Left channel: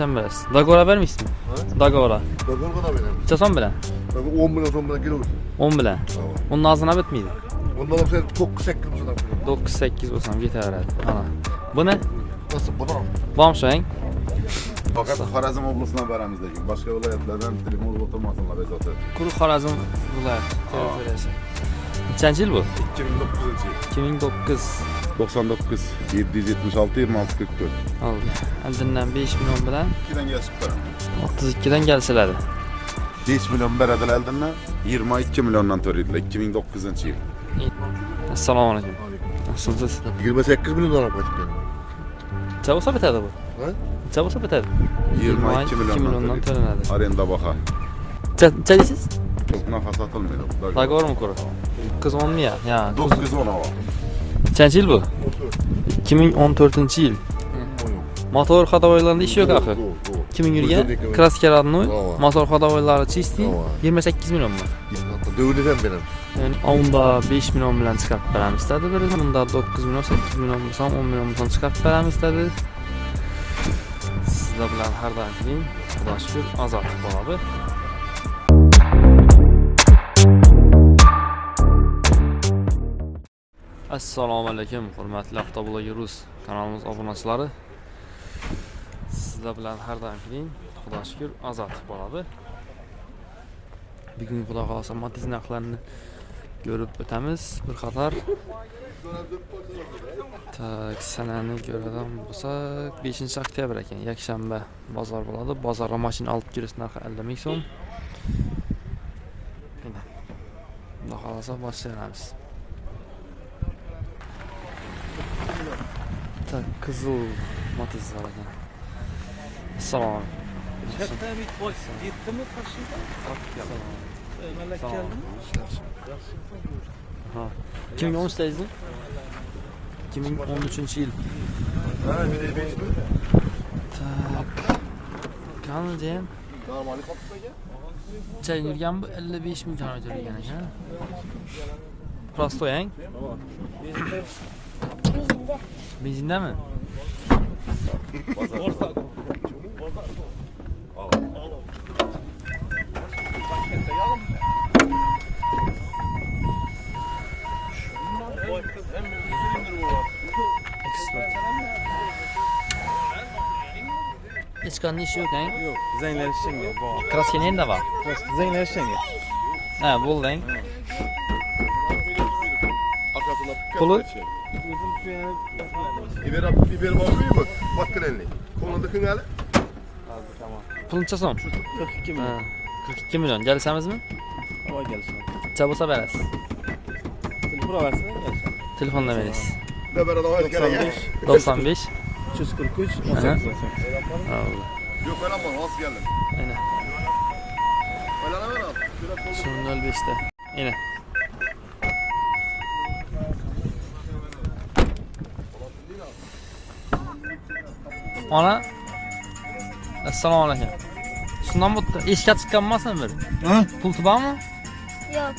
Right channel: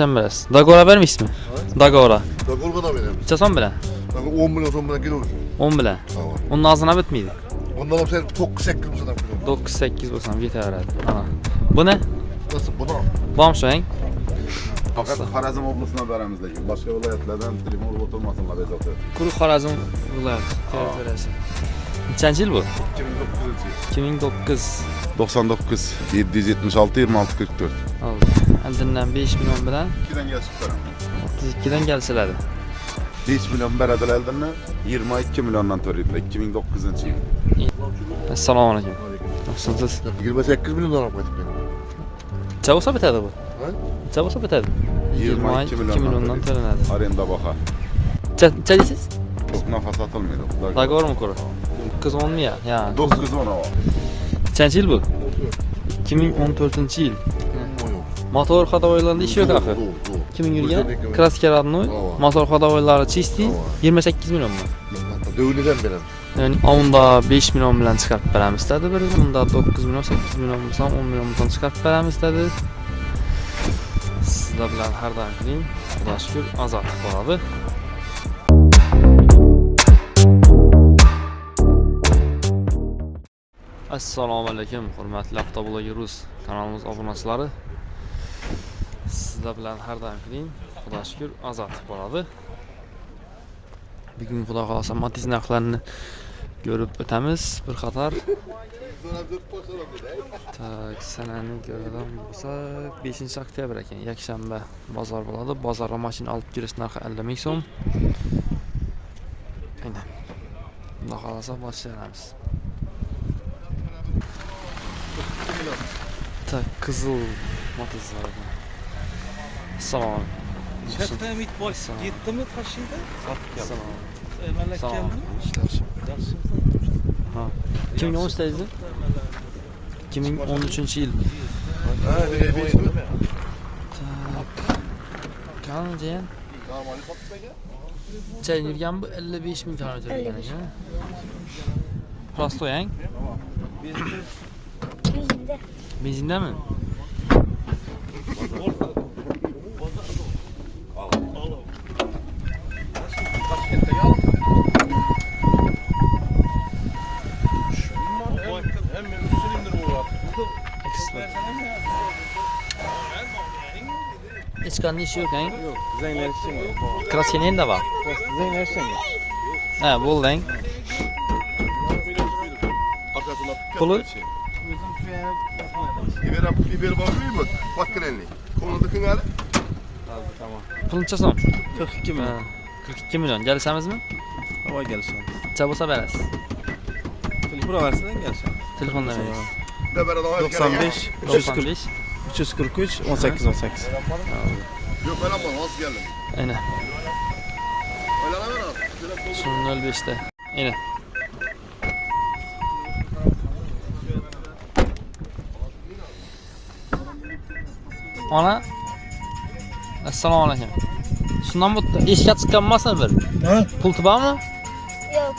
sen biraz. Dagora vermiş mi? Dagora. Dagor kadar benim. Çasan bile. 10 milyon son bile kilo. 10 bile. Onun ağzına bitmiydi. Ondan sonra sen çok sektim sana kilo. 9-8 olsam yeter herhalde. Ana. Bu ne? Nasıl bu da? Bamşayın. Fakat Xorazm oblasına baramizdagi boshqa viloyatlardan telefon o'tirmasinlar bezovta. Quruq Xorazm viloyat territoriyasi. Nechanchi yil bu? 2009. 99 776 26 44. Oldu. Oldindan 5 million bilan 2dan kelishibdi. 32 dan kelishiladi. 5 million beradilar oldindan 22 milliondan to'laydilar 2009-yil. Assalomu alaykum. Nasılsınız? 28 milyon dolar kaçıp yani. Necha bo'lsa bitadi bu? Ha? Necha bo'lsa bitadi? 22 milliondan to'lanadi. Arenda baha. Necha deysiz? Çok nafas atılmıyor. Dogovormi ko'ra? 910 mi ya? Ya. 910 var. Nechanchi yil bu? 2014 yil. Motor ходовойларында ishi yo'q axir. 2000 yilga kraska родной, motor ходовойлari чистый 28 million mu? Düğünüden benim. Yani onda 5 million bilan chiqarib beramiz dedi bir. Bunda 9 million, 8 million bo'lsa, 10 million bo'lsa chiqarib beramiz dedi. Sizlar bilan har doim qiling. Xudo shukr, Azatov bo'ladi. Assalomu alaykum, hurmatli Avtobloger.uz kanalimiz obunachilari. Sizlar bilan har doim qiling. Xudo shukr, Azatov bo'ladi. Bugun xudo xolasa Matiz narxlarini ko'rib o'tamiz bir qator. Tak, sanani ko'radigan bo'lsak 5-oktyabr ekan, yakshanba bozor bo'ladi. Bozorga mashina olib kirish narxi 50 ming so'm. Mana. Xudo xolasa boshlaymiz. Tak, qizil Matiz var ekan. Assalomu alaykum. Şertnamik boş gitti mi karşında? Assalomu. Melek Sağ ol. geldi mi? Ha. 2013'teyiz mi? 2013 yıl. Tak. Kanı diyen. Çayın yürgen bu 55 bin kilometre yürgen ekan. Prostoyan. Benzinde mi? Hiç kanlı işi yok he? Yok, Zeynep Şengel. Kraskenin de var. Zeynep Şengel. He, bol lan. Pulu? Biber bakıyor mu? Bak krenli. Konuda hali. Pulun çasam. 42 milyon. Ha, 42 milyon. Gelseniz mi? Hava gelişim. Çabusa veririz. Telefonu versene gelişim. Telefonla veririz. 95 95. 343 18 18. Oldu. Yok öyle ama az geldim. Aynen. Öyle ama Şunun 55'te. Aynen. Ana. Assalomu alaykum. Şundan bu eşya çıkanmasın bir. Ne? Pultu var mı? Yok.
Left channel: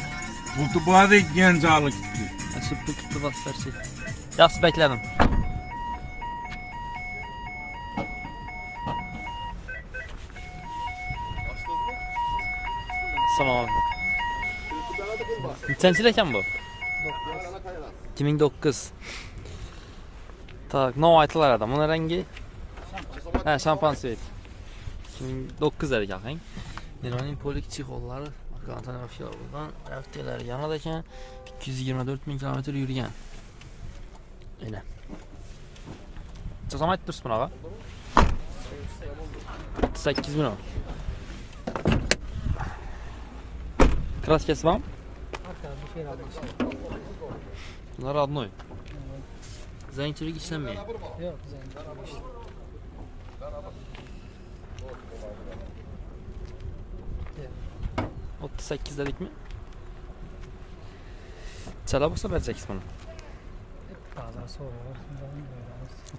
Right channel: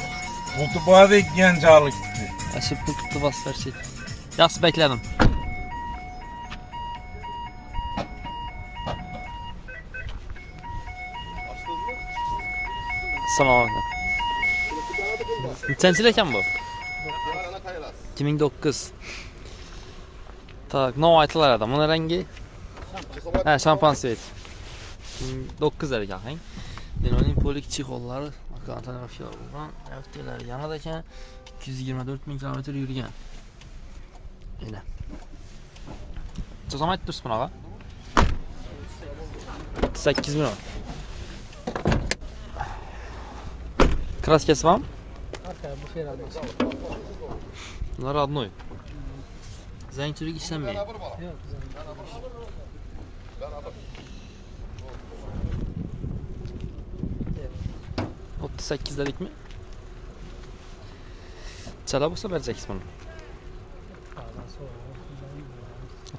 Bu tubağı gencalık. Eşi pultu baslar şey. Yaxşı bekledim. Assalomu alaykum. Nechanchi ekan bu? 2009. Tak, nov aytilar adam. Buni rangi ha, şampan svet. 2009 ekan. Denoning polik chexollari, kontaner bo'lgan, avtolar yanada ekan. 224 ming kilometr yurgan. Mana. Chazam aytib tursiz bunaqa? 8 million. Kraskasi bormi? Bunlar родной. Zangchilik ishlanmaydi. 38 dedik mi? Chala bo'lsa bereceksiz buni.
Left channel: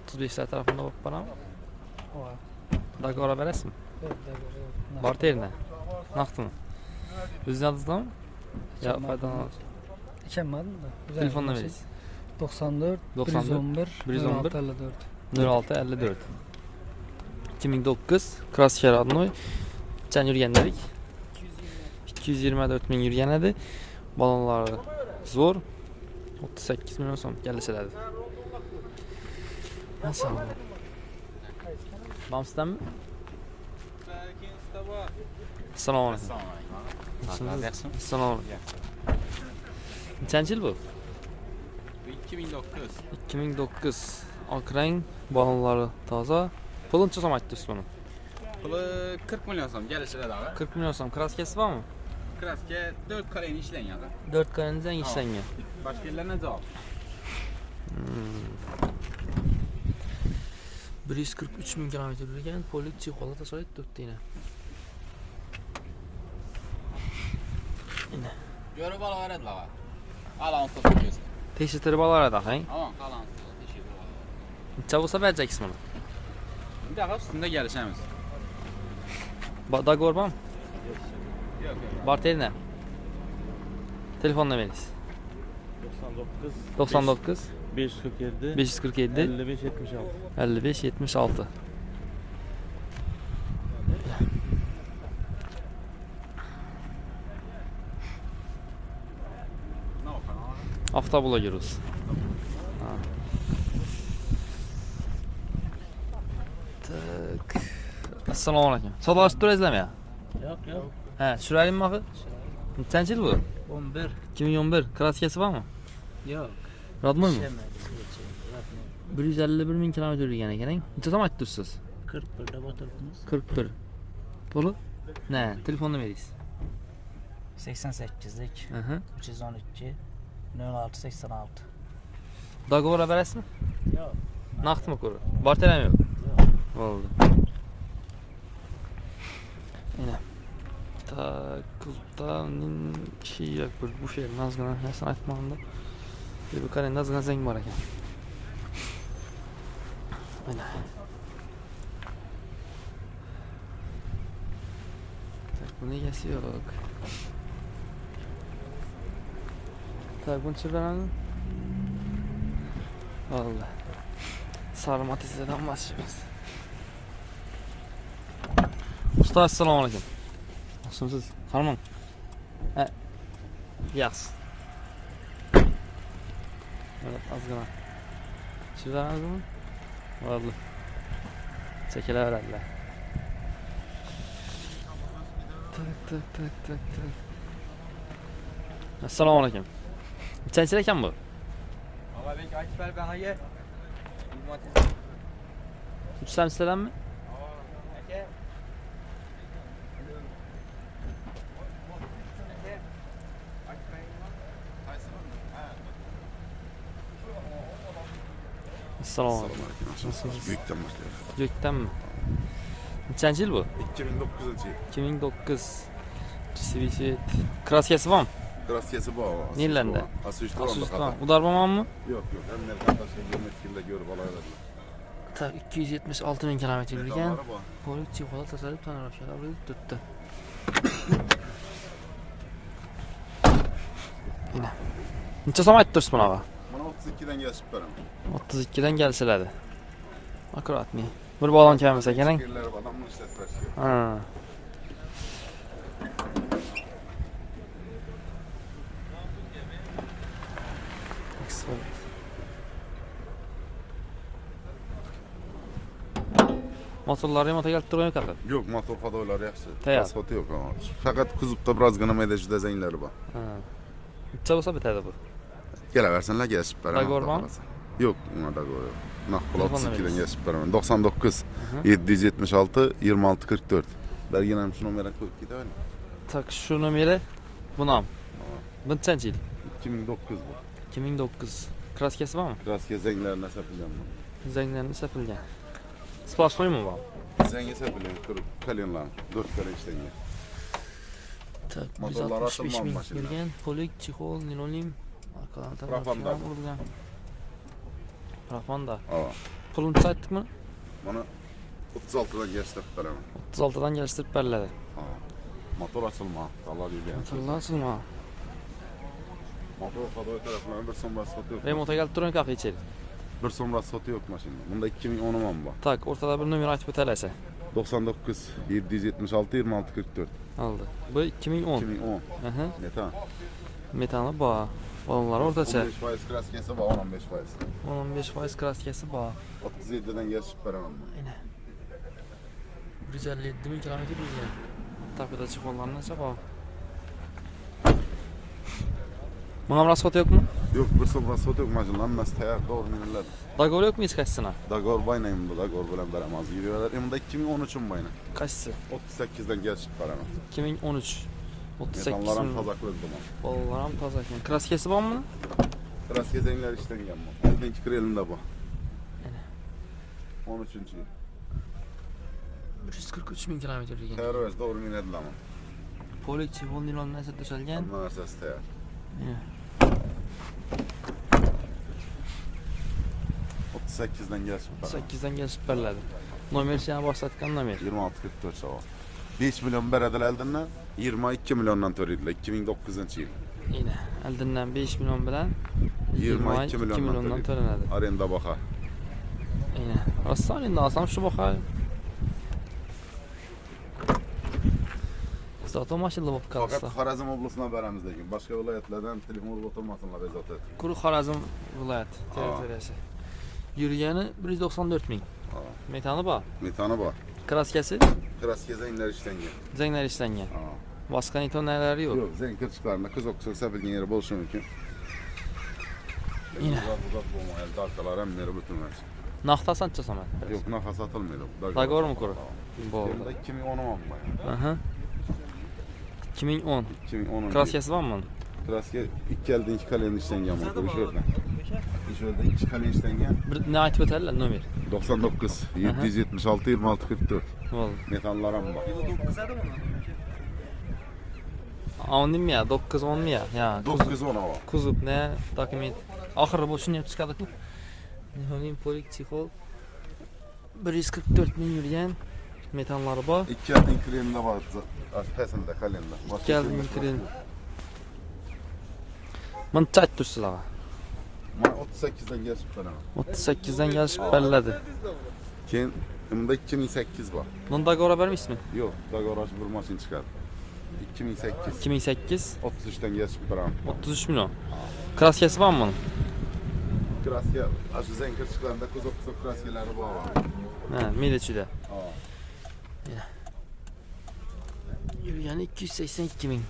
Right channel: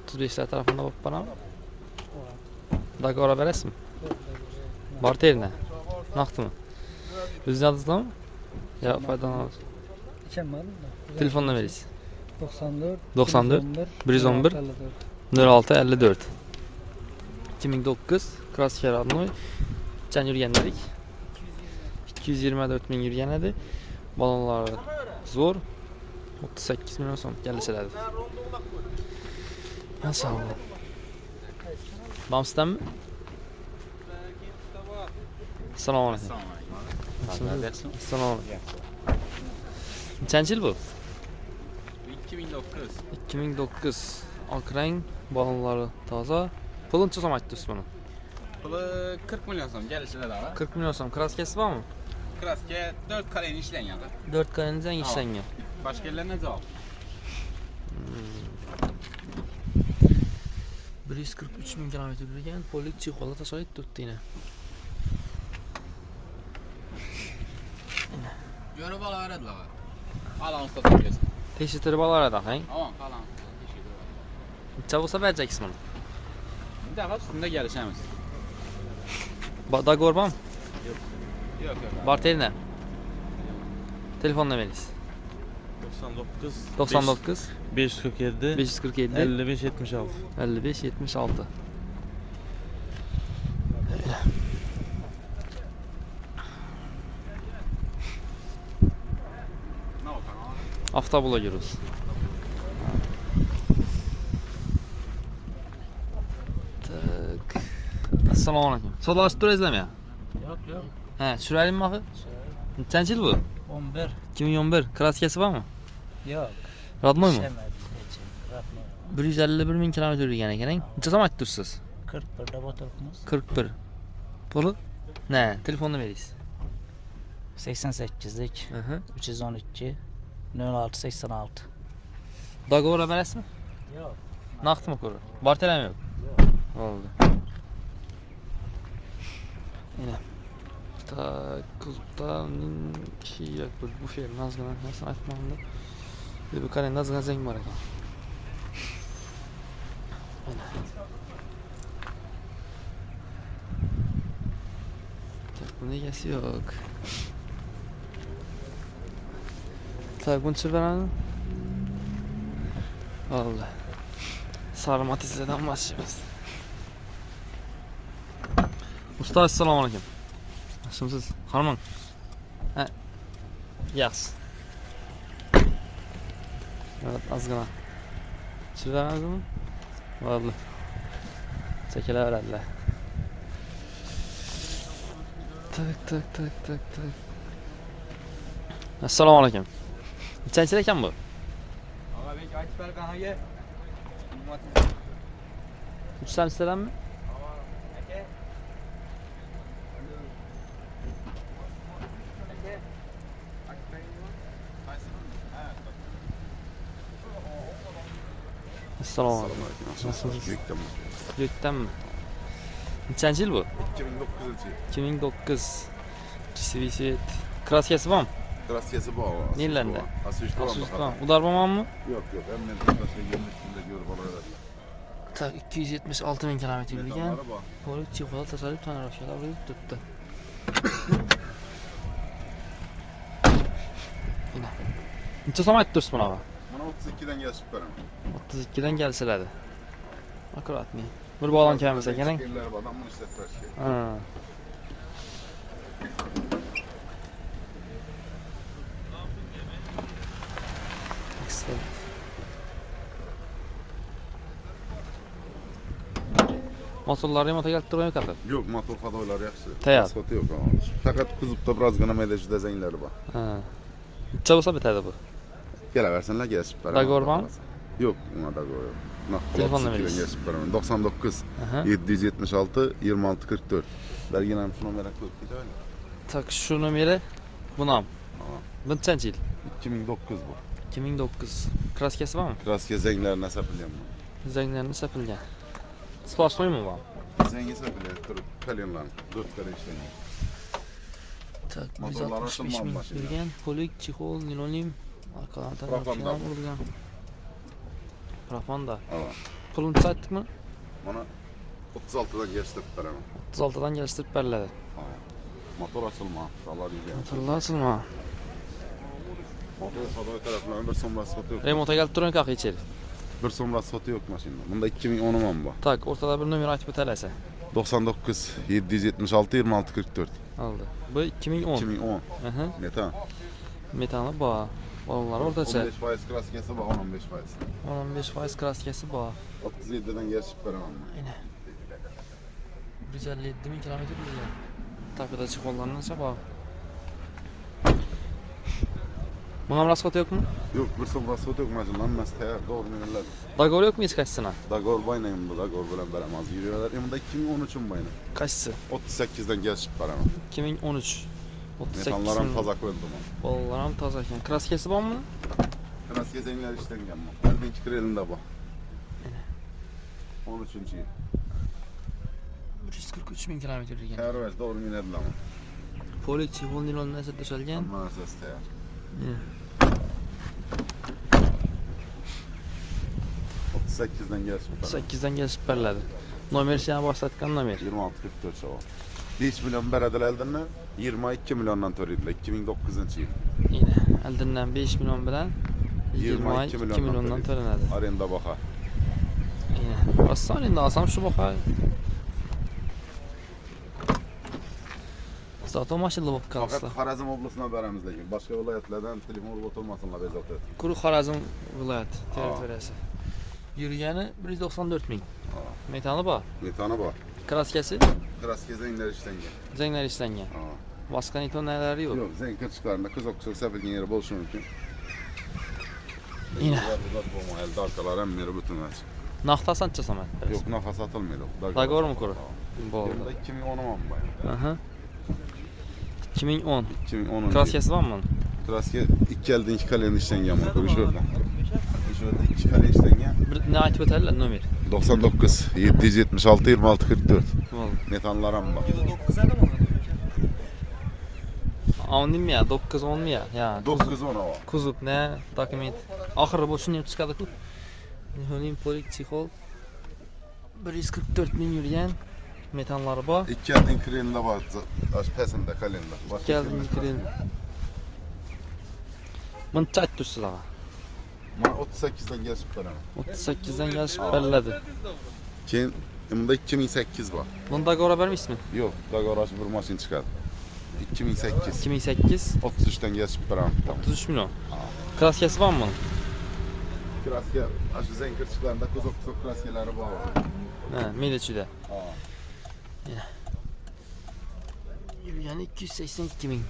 35'ler tarafında bak bana. Dagora verasizmi? Bor terine. Naqdmi? O'zingiz adingizda mı? Ya foydalanasiz. İçemem. Telefonla veririz. 94 94 111 54. 06 54. 2009 Crosshair adlı. Can yürüyenlerik. 224 bin yürüyen edi. Balonları zor. 38 milyon so'm kelishiladi. Nasıl oldu? Bamsdan Assalomu alaykum. Assalomu alaykum. Nechanchi yil bu? 2009. 2009. Oq rang balonlari toza. Puluncha so'm aytdingiz buni? Puli 40 milyon so'm kelishiladi abi. 40 milyon so'm. Kraskasi bormi? Kraska 4 kaleni ishlangan. 4 qalindan ishlangan. Boshqa yerlardan javob. 143 bin kilometre yürürken polik çikola tasarruf 4 tane. Görüp alaveradi baba. Alans da koyuyorsun. Teşhirleri bağlar da hangi? Tamam, alans. Teşekkür ederim. Çabusa vereceksin onu. Bir daha üstünde gelişemiz. Da gorbam. Yok. Barteri ne? Telefonla veririz. 99 547 547 55 76. 55 76. Ne oldu abi? Avtobula giriyoruz. Tak. Assalomu alaykum. So'rashib turasizlarmi? Yo'q. Ha, tushiraylikmi axir? Nechanchi yil bu? 11. 2011. Kraskasi bormi? Yo'q. Radmoymi? Ishlamadi. 151 bin kilometre yürüyen ekan. Necha so'm aytdingiz? 41 da o'tiribmiz. 41. Puli? Ne? Telefonla veririz. 88'lik Hı. 312 06 86. Dogovor berasizmi? Yo'q. Naqdmi ko'ra? Barteram yo'q. Oldu. Yine. Tak, kuzda şey yok. Bu şey nazgına nasıl aytmamda. Bir kare nazgına zeng var ekan. Yine. Tak, bunun egasi yo'q. Tak, buncha beradi. Oldu. Sarı matizeden başlayacağız. Usta assalomu alaykum. Nasılsınız? Hanımım. He. Yaxshi. Evet, azgına. Sürdünüz mü? Vallahi. Çekileverdiler. Tak. Assalomu alaykum. Nechanchi ekan bu? Abi ben açıp ver bana gel. 3 tanesinden mi? Assalomu alaykum. Nasılsınız? Gökten Gökten mi? Nechanchi yil bu? 2009 yıl. 2009. Mitsubishi kraskasi bormi? Kraskası bu. Nerelerde? Asuş'ta. Udarbaman mı? Yok. Ömrümden başka görmekle görüp alaverdim. Tak 276 bin kilometre yürüyen Araba. polik çikolata tasarruf tanrıfıyla buyup tuttu. Yine. Neçe so'm aytib tursiz buni? Bana 32'den gelip veremem. 32'den gelselerdi. Akkurat mi? Bir bağlan kelmese ekan. Yerler var, adamın işletmesi. Ha. Expert. Motorları remonta kelib turgan yo'q axir. Yok, motor fadolar yaxshi. Tayyor. Asfalti yok ama. Fakat kuzupda birozgina mayda juda zanglar bor. Ha. Necha bo'lsa bitadi bu? Kelaversinlar kesib beraman. Dogovor bormi? Yo'q, nima dogovor. Telefonla 32'den veririz. kesib beraman. 99 Aha. 776 26 44. Belgin ham shu nomerga ko'rib ketadi. Tak şu numara bunam. Bu nechanchi yil? 2009 bu. 2009. Kraskasi bormi? Kraska zanglarni sapilganman. Zanglarni sapilgan. Sportsoymi bu? Zangi sapilgan, kalenlar, 4 kare ishlangan. Tak Motorlar 165 açılmamış bin başında. yurgan. Polik, chixol, nilonim. Arkalardan Propanda. falan urilgan. Propanda. Ha. Pulini aytdikmi? Mana 36'dan geçtik beraman. 36dan kelishtirib beriladi. Motor açılma. Vallahi bilgan. Motorlar silma. Motor fadoy tarafından bir so'mla sotı yok. Remonta kelib turgan kaq icheri. Bir so'mla sotı yok maşinada. Bunda 2010 bu. Tak, o'rtada bir nomer aytib o'talasa. 99 776 26 44. Aldı. Bu 2010. 2010. Aha. Metan. Metanı bağ. Balonlar ortaça. 15% kraskesi var, 15%. 15% kraskesi bağ. 37'den geçip veremem. 157 bin kilometre yürüyor. Takıda çıkmalarına ise bağ. Buna raspat yok mu? Yok, bir sonra sot yok macundan mesleğe doğru minirler. Dagol yok mu hiç kaçsına? Dagol baynayım da Dagol bilen veremez. Yürüyorlar. Eminde 2013'ün bayna. Kaçsı? 38'den geçip veremem. 2013. 38 Metanların bin. pazaklı duman. Ballarım tazaken. Kraskesi var mı? Kraskezi işten gelmem. Eldinki krelinde bu. 13. yıl. 143 bin kilometre yürüyor. Terörist doğru minirler ama. Poliçi, Hondilon neyse düşerken. Maalesef teyar. Yine. 38'den geçip. 8'den geçip belirledi. Nomer sana başlatkan nomer. 26 44 sağ ol. 5 milyon beredil eldinle 22 milyondan törüydüler 2009 yıl. Yine eldinden 5 milyon bilen 22 milyondan törenedi. Arenda baka. Yine. Aslan indi alsam şu bakay. Zaten maşallah bak kalsın. Fakat Xorazm oblasına beremizdeki. Başka vilayetlerden telefon olup oturmasınlar bezat et. Kuru Xorazm vilayet teritoriyası. Yürüyeni 194 bin. Metanı bağ. Metanı var. Kraskesi Kraskeze inler işten gel. zengler işlengen. Başka nito neleri yok. Yok, zen kırçıklarında kız okusak sebildiğin yere bol şunun için. Yine. Var bu elde arkalar hem yeri bütün versin. Naftasan çasam ben. Yok nafas atılmıyor. Dagor mu kuru? Bu oldu. Yerinde 2010 mu bayan? Aha. 2010. 2010. Kraskesi var mı? Kraske iki elde iki kalenin işten gelmiş. Bir şöyle. Şöyle iki kale işten gel. Bir ne ait beterler nomer. 99 776 26 44. Oldu. Metanlara mı bak? 10 mi ya? 9 10 mi ya? Ya 9 10 hava. kuzup ne dokument. Ahırı boşun yapıp çıkardık. Niholim polik çikol. 144 bin yürüyen metanları var. İki eldin treninde var. Pesinde kalende. İki eldin tren. Bunu çat tutsular. 38'den geçip veremem. 38'den gelip belirledi. Kim? Bunda 2008 var. Bunda gora vermiş mi? Yok, daha uğraşıp vurmasın çıkardı. 2008. 2008. 33'ten geçip veremem. 33 milyon. Kraskesi var mı? Kraske, aşı zen kırçıklarında kız okusak kraskeleri bağlı. He, Milliyetçi'de. Aa. Yürüyen 282 bin.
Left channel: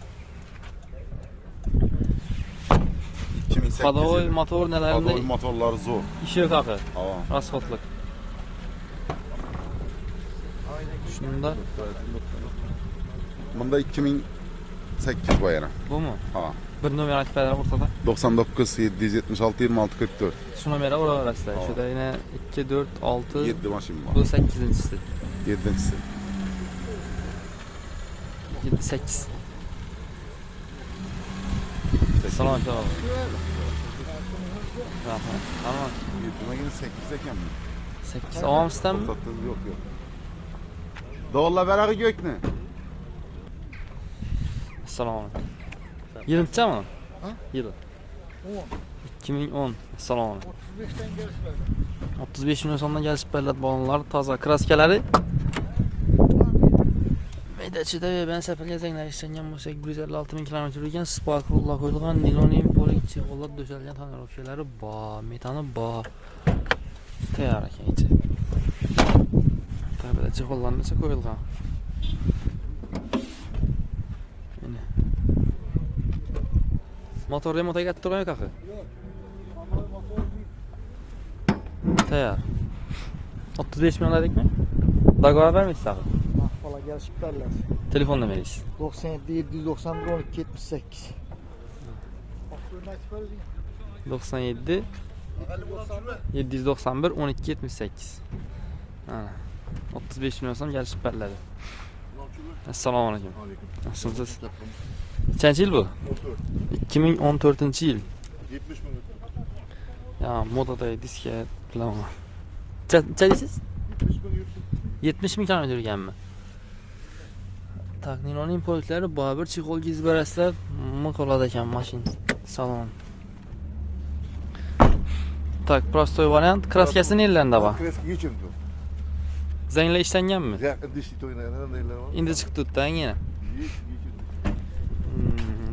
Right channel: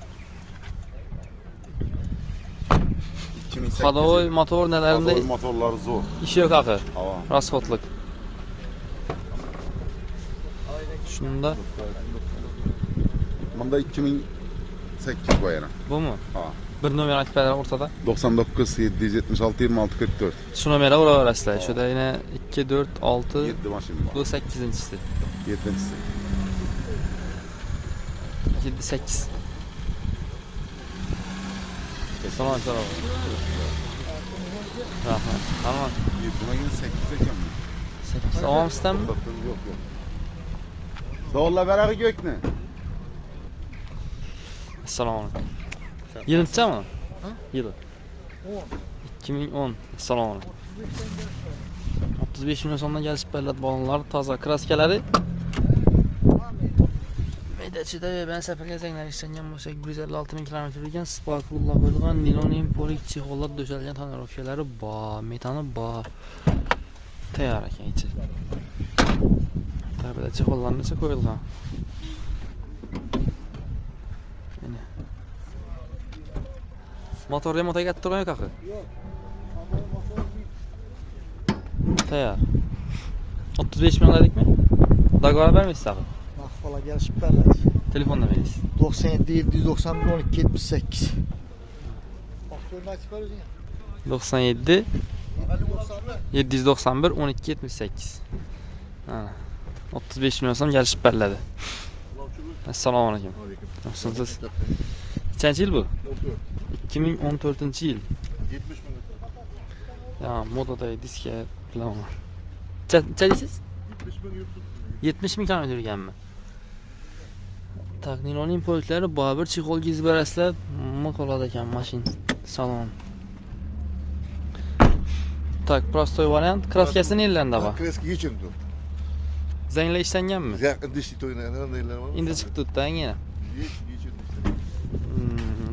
2008. Kadoy motor Kadoy nelerinde motorları zor. işi yok akı. Hava. Raspotluk. Şunda Bunda 2008 bu yana. bu mu? Ha. Bir numara akifler ortada. 99 776 26 44. Şu numara oraya arasında. Şurada yine 2, 4, 6, 7 maşin var. bu 8'incisi. 7'si. 7, 8. Tamam tamam. Tamam. 7'me gene 8 eken mi? 8. Tamam sistem mi? Yok yok. Doğulla beraber gök ne? Selamünaleyküm. Yılın tutacak mı? Yılı. 2010. Selamünaleyküm. 35 milyon sonuna gelip belirledi balonlar, taza kraskeleri. Medeçide ve ben sefer gezenler işlengen bu 156 bin kilometre yürüyen sparklı'la koyulgan nilonin polik çikolata döşelgen tanrı şeyleri bağ, metanı bağ. Teyar eken içi. Tabi de çikolatalar neyse koyulgan. Yine. Motor remota getirmiyor yok akı. Teyar. 35 milyon dedik mi? Dagora vermişsin akı. Valla gel süperler. Telefon demeliyiz. 97 791 12 78. Bak şöyle açık verirsin ya. 97 791 12 78. Ha. 35 milyon son gelişip belirledi. Assalamu alaikum. Nasılsınız? Kaçıncı yıl bu? 2014 yıl. 70 bin. Ya modada diske falan. Çelisiz? 70 bin yuttum. 70 bin kilometre gelme. Tak, Nilo'nun polikleri Babur Çikol Gizberesler Mokoladayken maşin salon. Tak, prostoy variant. Kraskesi nelerinde var? Kreski geçin diyor. Zengler işlengenmi? Yakın dişli oynayan neyler var? Endi chiqdi-da yana.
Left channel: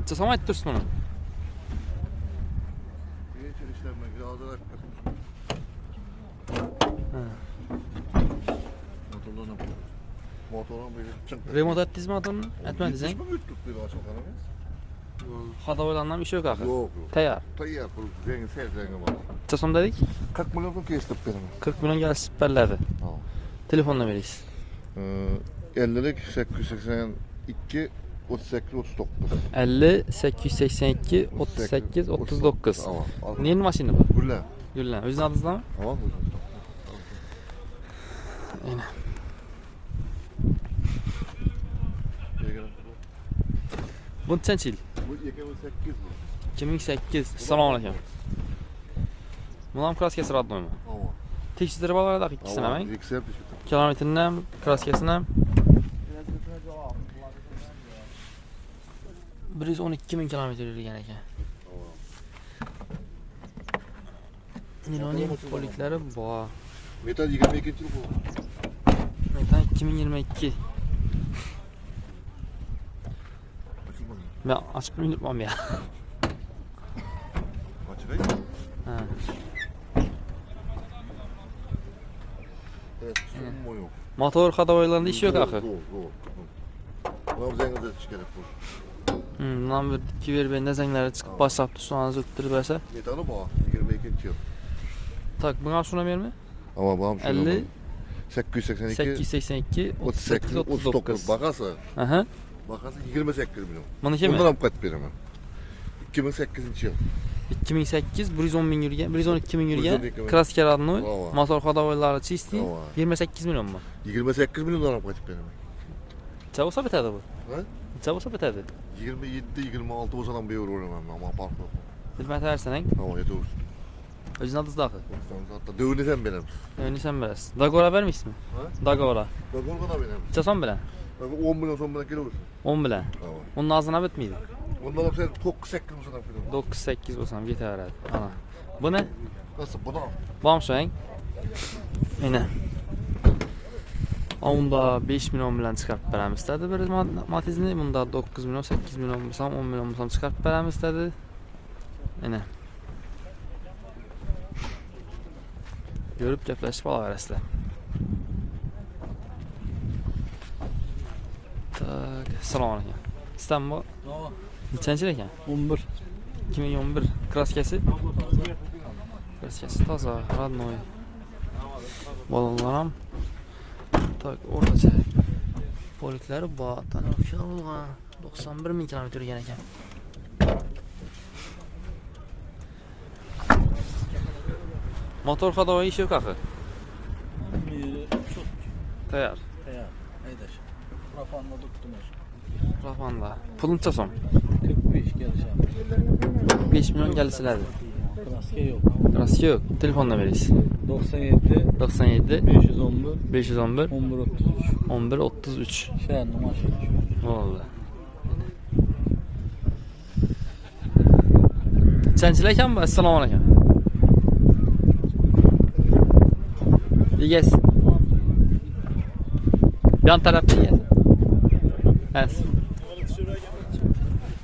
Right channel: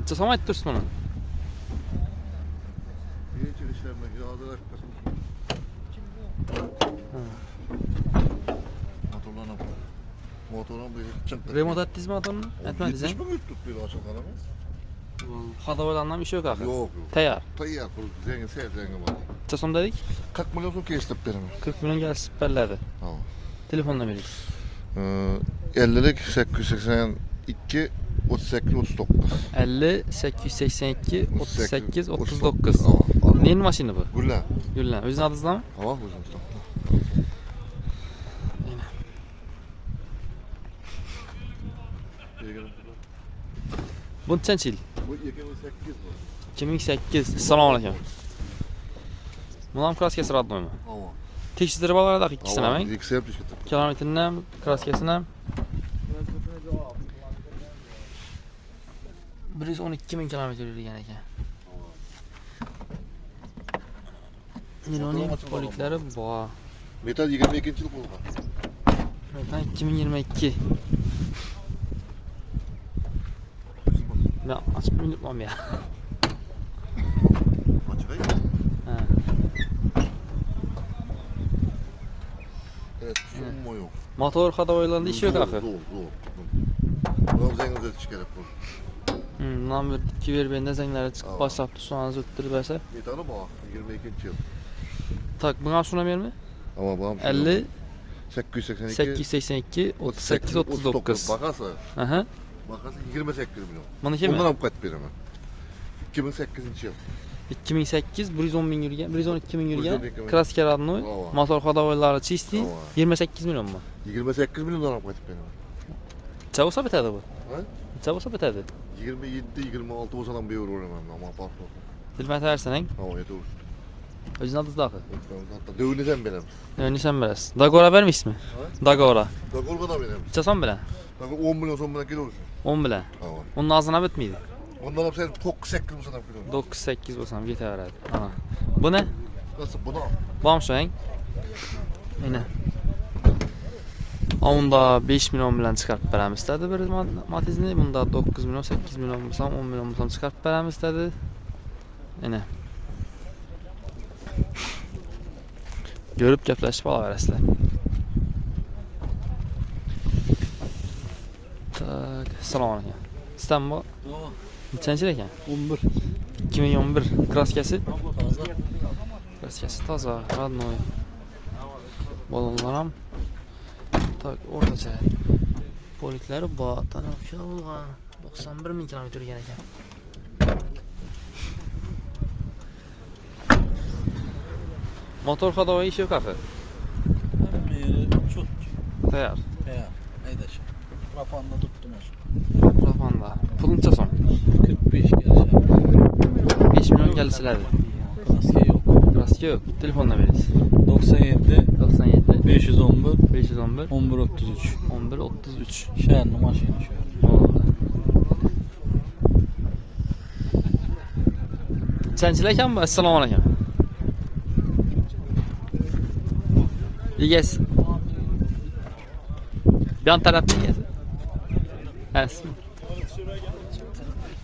Çasam aytib tursiz buni. Geçir işlerine yağdılar. Motorun bir çıktı. Remont etdingizmi motorni? Aytmadingiz Hiç a? mi yuttuk bir aşağı kalamaz? Xadoylardan ish yo'q axir. Yok yok. Tayyor. Tayyar kul zengin sev zengin var. Çasam dedik? 40 milyon so'm kestirib beraman. 40 milyon gelip berledi. Telefonla veririz. 50'lik 882 38 39. 50 882 38 39. Neyin maşini bu? Gülle. Güllen. Özün adınızda mı? Tamam mı? Yine. Bu neçenchi yil? Bu 2008 bu. 2008. Assalomu alaykum. Buni ham kraskasi родной mi? Tamam. Tekshirib olardik ikkisini ham. İkisi hep düştü. Kilometrini ham, kraskasini ham. 112 ming kilometr yurgan ekan. Niloning poliklari bor. Metal 22 yıl bu. Metan 2022. Ben açıp unutmam ya. Açık ayı. Ha. Evet, sunum boyu. Motor xadoylarında ish yo'q axir. Doğru. Doğru zengin de çıkarıp bu. Bundan bir 2 ver bende zengleri çıkıp başlayıp sonra zıttırıp verse. Metalı bu. 22 yıl. Tak buna şuna verme. Ama babam 50 882 882 38 39. Bakası. Aha. Bakası 28 milyon. Bunu kim? Bundan kaç beraman? 2008 yıl. 2008 110 ming yurgan, 112 ming yurgan. 112 Kraska родной. Ova. Motor xadoyları çisti. Ova. 28 milyon mu? 28 milyon kaç beraman? Necha bo'lsa bitadi bu? Ha? Necha bo'lsa bitadi? 27-26 olsa bir euro olamam ama farklı. Bilmaytaversan, Tamam yeter. o'zing adınızda axir. Hatta düğünü sen beremiz. Nishon berasiz. Dagora bermaysizmi? Dagora. Dagolga da beremiz. Necha so'm bilan? 10 milyon son bilan kilo olsun. 10 bilan. Tamam. Onun ağzına bitmeydi. Ondan hep sen tok 8 milyon kilo. 9-8 bo'lsam ketaveradi. Ana. Bu ne? Nasıl buna? Bomshang. Mana. Unda 5 milyon bilan chiqarib beramiz dedi bir Matiz'ni. Bunda 9 milyon, 8 milyon bo'lsam, 10 milyon bo'lsam chiqarib beramiz dedi. Mana. Görüp gaplashib olaverasizlar. Tak, assalomu alaykum. İstanbul. Nechanchi ekan? 11. 2011 kraskasi. Kraskasi toza, родной. Balonlar ham tak o'rtacha. Poliklari bor. Tanaffus bo'lgan. 91 ming kilometr yurgan ekan. Motor xadoyi ish yo'q axir. Tayyor. Haydaş. Rafanla tuttum. Rafanda. Pul necha so'm? 45 gelişen. 5 milyon gelsiladi. Kraska yok. Kraska yo'q. Telefonla berasiz. 97 97 511 511 1133. 1133. Şehirli maşın. Nechanchilar ekan bu? Assalomu alaykum. Egasi. Yan tarafda egasi. Asli.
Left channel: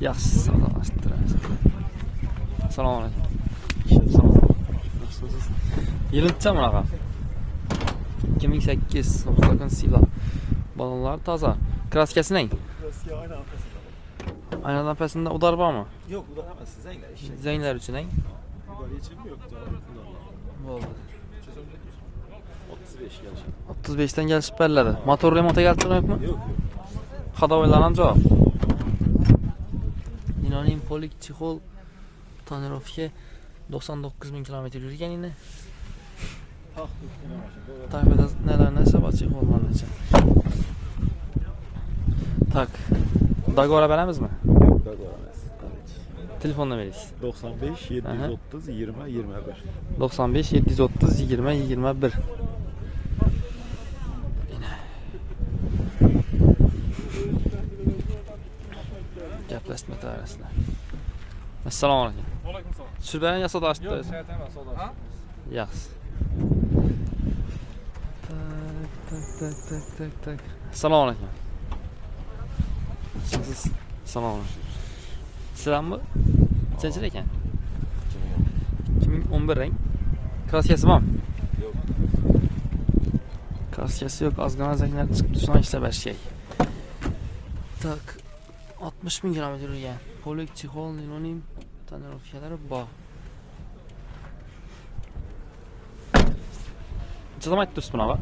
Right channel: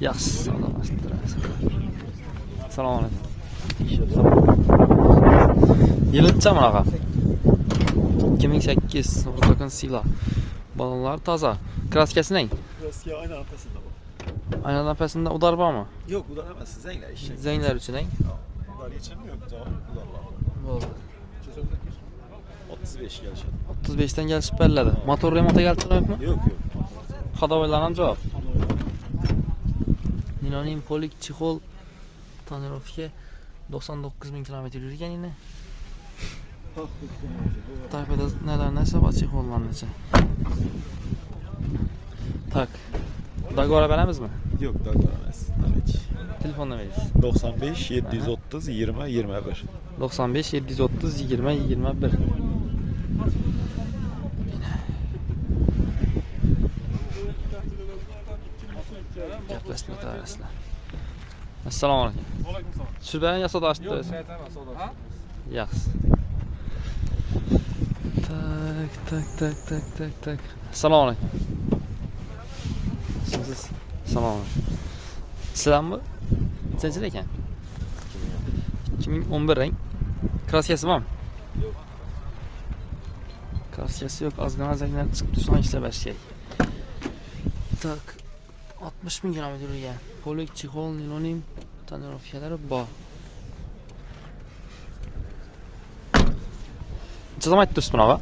Yaxshi, savdolashtiramiz. Assalomu alaykum. Yilcha bunaqa. 2008 Oqsoqon Sila. Balonlar toza. Kraskasi neng? Kraska aynen arkasında. Aynadan pəsində udar bormi? Yok bu da hemen zengler işi. Zenglər üçün neng? Bunlar geçemiyor. Cevap bunlarla. Bo'ldi. 35 gelişen. 35'ten gəlib bərlədi. Motor remonta gəltirməkmi? Yok yok. Xadoylardan cavab. Ninoning polik chexol tonirovka 99 ming kilometr yurgan yine. Tayfada neler neyse var çexollarınca. Tak. Dagora beremiz mi? Yok da görmez. Tabii ki. Telefonla veririz. 95 730 20 21. 95 730 20 21. Gaplashib o'tirasizlar. Assalomu alaykum. Shu bilan yasoda ochdi. Yaxshi. Tak. Assalomu alaykum. Siz assalomu alaykum. Sizlarmi? Nechanchi ekan? 2011 rang. Kraskasi bormi? Yo'q. Kraskasi yo'q, ozgina zanglar chiqdi, so'ng ishlab kerak. Tak, 60 ming kilometr yurgan. Polik, chexol, nilonим, tonirovkalari bor. Necha so'm aytdingiz bunaqa?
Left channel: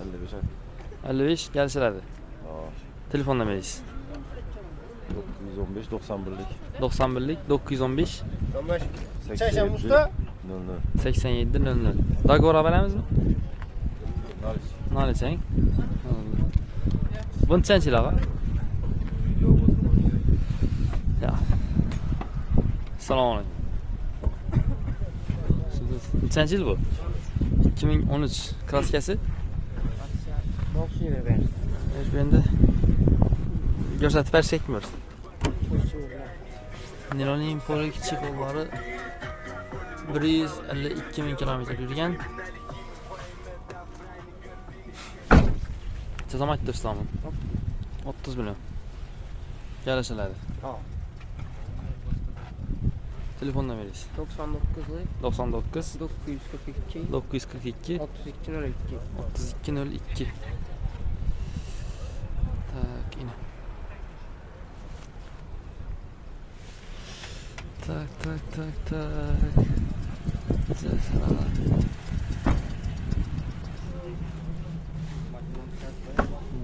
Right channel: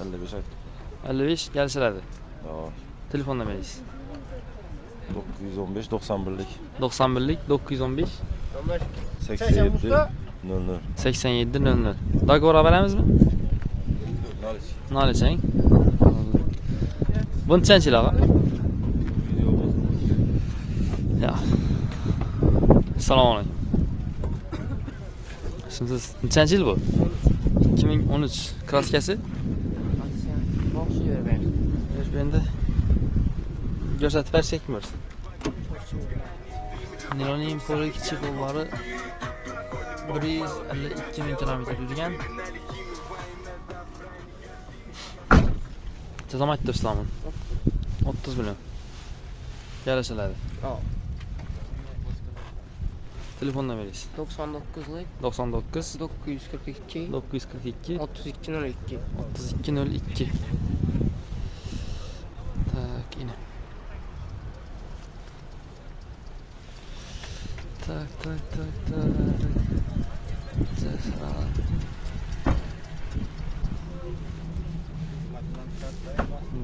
55 aytdim. 55 kelishiladi. Yo'q. Telefonda berasiz. 915 91lik. 91lik 915 87 00. 87 00. Dogovor beramizmi? Nol chang. Bu nechanchi ağa? Ya. Assalomu alaykum. Siz nechanchi yil bu? 2013 kraskasi? Endi ko'rsatib bersakmi? Niloning polik chexollari 152 ming kilometr yurgan. Chazam aytdirsam 30 million. Kelishiladi. Telefondan berasiz. 99'lik 99 942 942 3202. 3202. Tak, yine. Tak.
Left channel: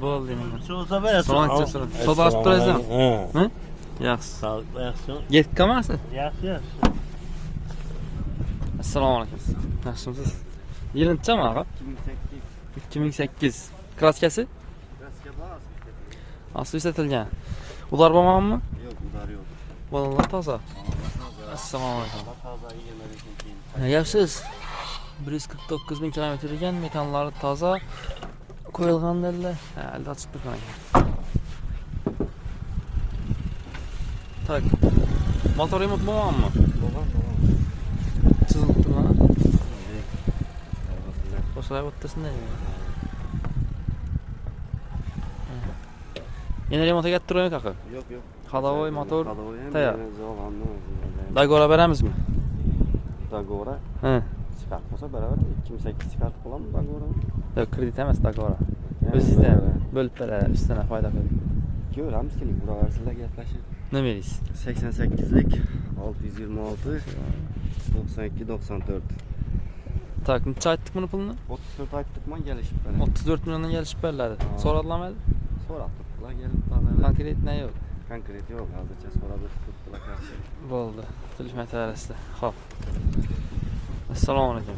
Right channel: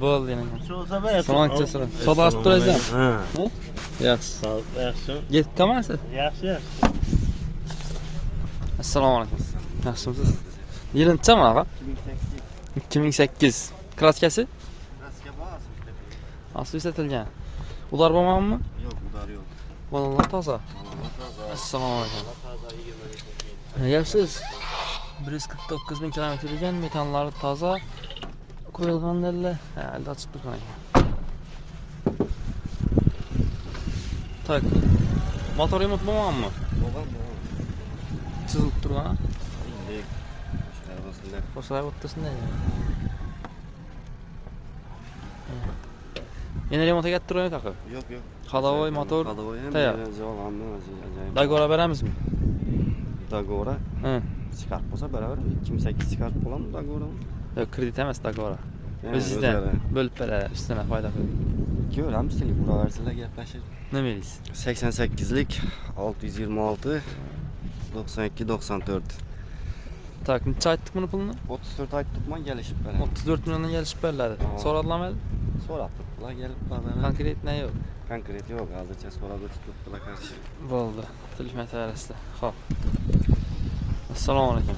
Bo'ldi yana. Salom alaykum. Soda olib turasizmi? Ha. Yaxshi. Sağ ol, yaxshi. Yetkamasiz? Yaxshi. Assalomu alaykum. Yaxshimisiz? Yilintchami ağa? 2008. Kraskasi? Kraska bor. Asli ishlatilgan. Ular bormi? Yo'q, ular yo'q. Bolalar toza. Assalomu alaykum. Yaxshisiz? 149 ming kilometr yurgan, metanlari toza. Qo'yilgan dedilar. Ha, alda ochib turgan ekan. Tak. Motor remont bo'lganmi? Bo'lgan. Chizilib turgan. Sizlar Qo'shilib o'ttirsinlar. Yana remontga kelib turgan ekan. yo'q. Ходовой motor. Ходовой ham Tayyor. javobni o'zi. Dogovor beramizmi? Dogovor Ha. chiqarib bo'lsa baravar 2008 chiqarib qo'yamiz dogovorni. Yo'q, kredit emas dogovor. O'zingizdan bo'lib beradi, ustidan foyda qilib. Ko'ramiz, telefon sizlar gaplashib. Nima deysiz? 88lik 626 92 94. Tak, necha aytdik buni pulni? 34 aytibman, kelishib qoladi. 34 milliondan kelishib beriladi. So'radilarmi? So'rabdik. Ular kelib qoladi. Konkret ne yo'q. Konkret yo'q, hozircha so'rab o'tibdilar qarshi. Bo'ldi. Telefon tarasida. Xo'p. Assalomu alaykum.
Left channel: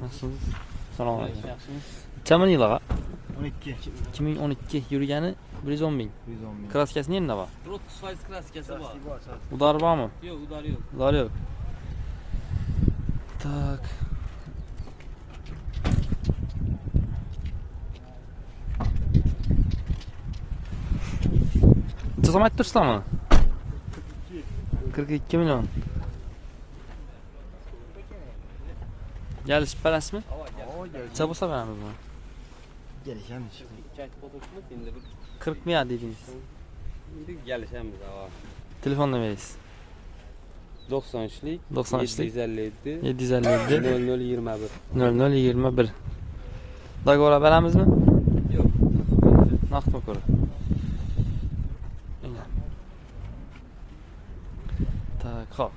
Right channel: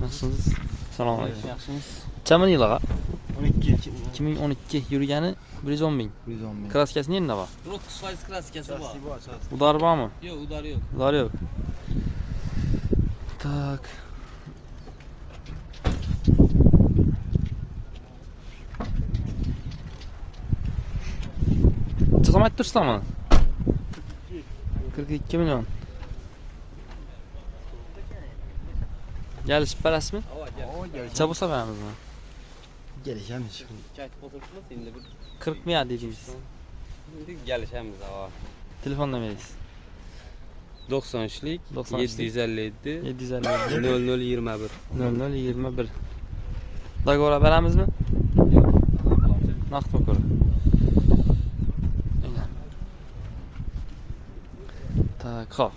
Nasılsınız? Assalomu alaykum. Kamin yil ağa? 12. 2012 yurgani 110 ming. 110 ming. Kraskasi nerede var? 9% kraskasi bor. Udar var mı? Yo'q, udar yo'q. Udar yok. Tak. Çözüm ettirsin mı? 42 milyon. Geliş parası mı? Çabusa veremiz mi? Gelişemiz. 40 milyar diyeceğiz. Gelişemiz ağa. Telefonla veririz. 93'lik 93'lik 757 757 0021. 0021. Dogovor beramiz mi? Yo'q. Naqd dogovor. Tak, xo'p.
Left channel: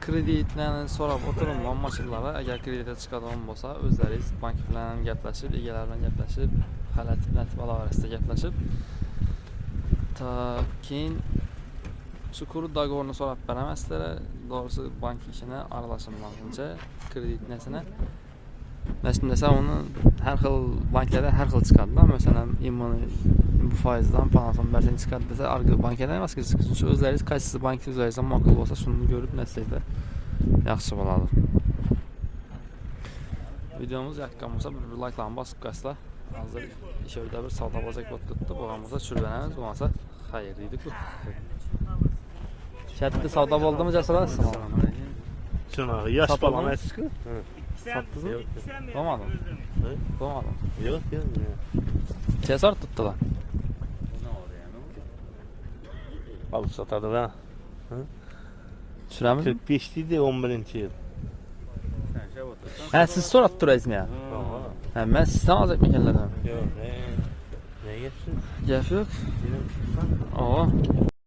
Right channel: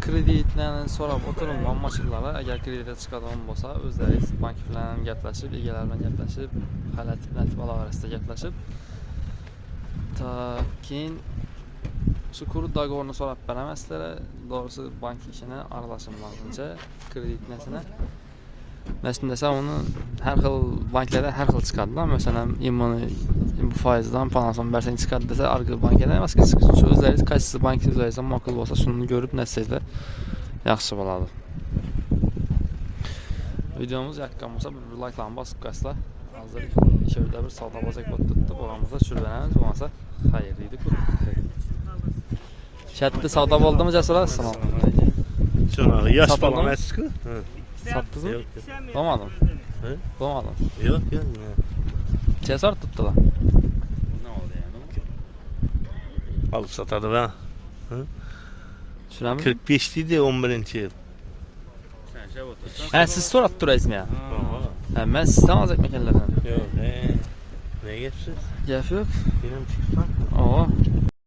Kreditlarni so'rab o'tiribman mashinalarga. Agar kreditga chiqadigan bo'lsa, o'zlaringiz bank bilan gaplashib, egalar bilan gaplashib, xalat bolalarida gaplashib, tak, keyin shu kuru dogovorni so'rab beraman sizlarga. Doğrusu bank ishini aralashmaymancha, kredit narsani. Nasıl desem onu her xil banklarda her xil chiqadi. Masalan, bu faizdan panason bersang chiqadi desa, arka bankada emas, o'zlaringiz qaysi bank o'zlaringizdan ma'qul bo'lsa, shuni ko'rib narsangizlar yaxshi bo'ladi. Videomuz yoqqan bo'lsa, bir like'larni bosib qo'ysanglar. Hozir ishda bir savdo bozak bo'lib turibdi. Bo'lgan bo'lsa tushiramiz, bo'lmasa xayr deydi-ku. Shatda savdo bo'ldimi, Jasur? Assalomu alaykum. Şuna yaş Satalım. falan eski. Sattınız mı? Yok. Doğmadın. He? Doğmadın. Yok ya. Cesar tuttu lan. Alıp satardı ben. Süleyman. 45 idi 11-ci yıl. He siz sorat durayız mı ya? He ben sizden alacak mekanlardan. Yok. Ne geçsiz? Gef yok. Film çıktı. Oo.